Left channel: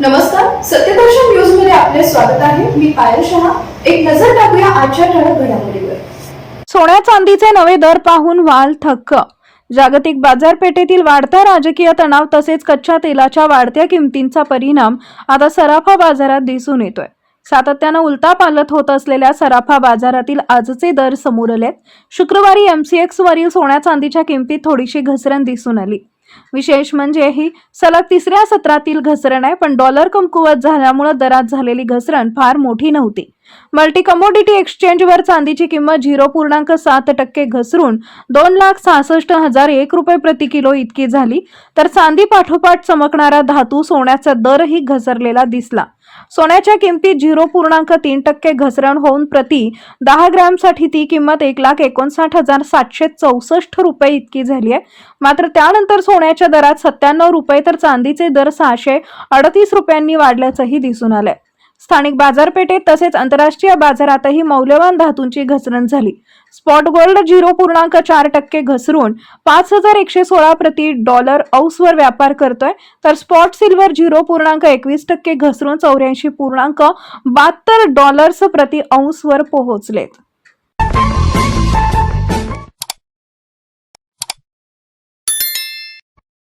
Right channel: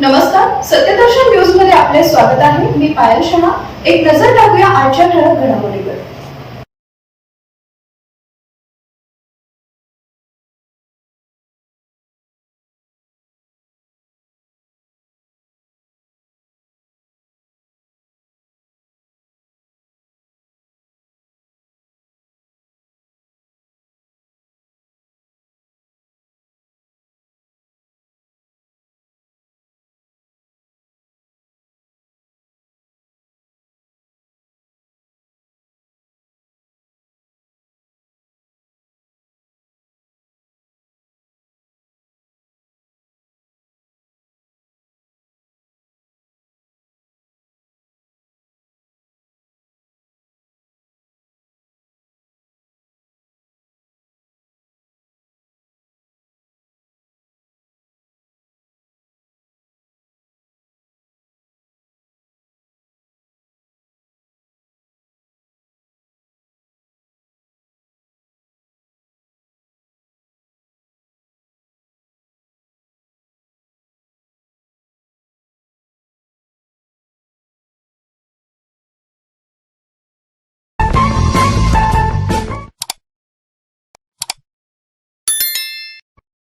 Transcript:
नमस्कार, सत्यदर्शन न्यूज मध्ये आपले स्वागत आहे. मी पायल शहा. एक नजर टाकूया आजच्या ठळक घडामोडीवर. सोन्या चांदीचे नवे दर पाहून वाल थक्क. जागतिक बाजारपेठेतील वाढता राजकीय तणाव तसेच कच्च्या तेलाच्या वाढत्या किमतींचा परिणाम आता सराफा बाजारात दिसून येतोय. सातत्यानं उलटापालट होत असलेल्या सराफा बाजारातील आजचे दर समोर आलेत. शुक्रवारी MCX वरील सोन्या चांदीच्या किमतीत थोडीशी घसरण दिसून आली. विशेष म्हणजे ही सलग तिसऱ्या सत्रातील घसरण आहे, पण डॉलर कमकुवत झाल्यामुळे दरात झालेली घसरण फार मोठी नव्हती. मल्टी कमोडिटी एक्सचेंजवर चांदीची किंमत 0.7% घसरून 2,66,001 रुपये प्रति किलो इतकी झाली. तर चांदी पाठोपाठ चमकणारा धातू सोन्याचा दरही घसरलेला दिसला. सोन्याच्या किमतीत 0.3% घसरण होऊन प्रति 10 ग्रॅमसाठी ती किंमत 1,59,764 रुपये इतकी झाली आहे. मात्र त्यानंतर सोन्याच्या दरात 97 रुपये तर चांदीचे दर 638 रुपयांनी वाढल्याचंही दिसून आलंय. स्थानिक बाजारपेठेत तसेच आंतरराष्ट्रीय बाजारातही मौल्यवान धातूंची घसरण झाली. स्पॉट गोल्ड 0.4% घसरून 5,116 प्रति डॉलर औसवर व्यापार करतोय, तर स्पॉट सिल्वर 0.21% घसरून 84.72 डॉलर्स प्रति औसवर पोहोचलेत.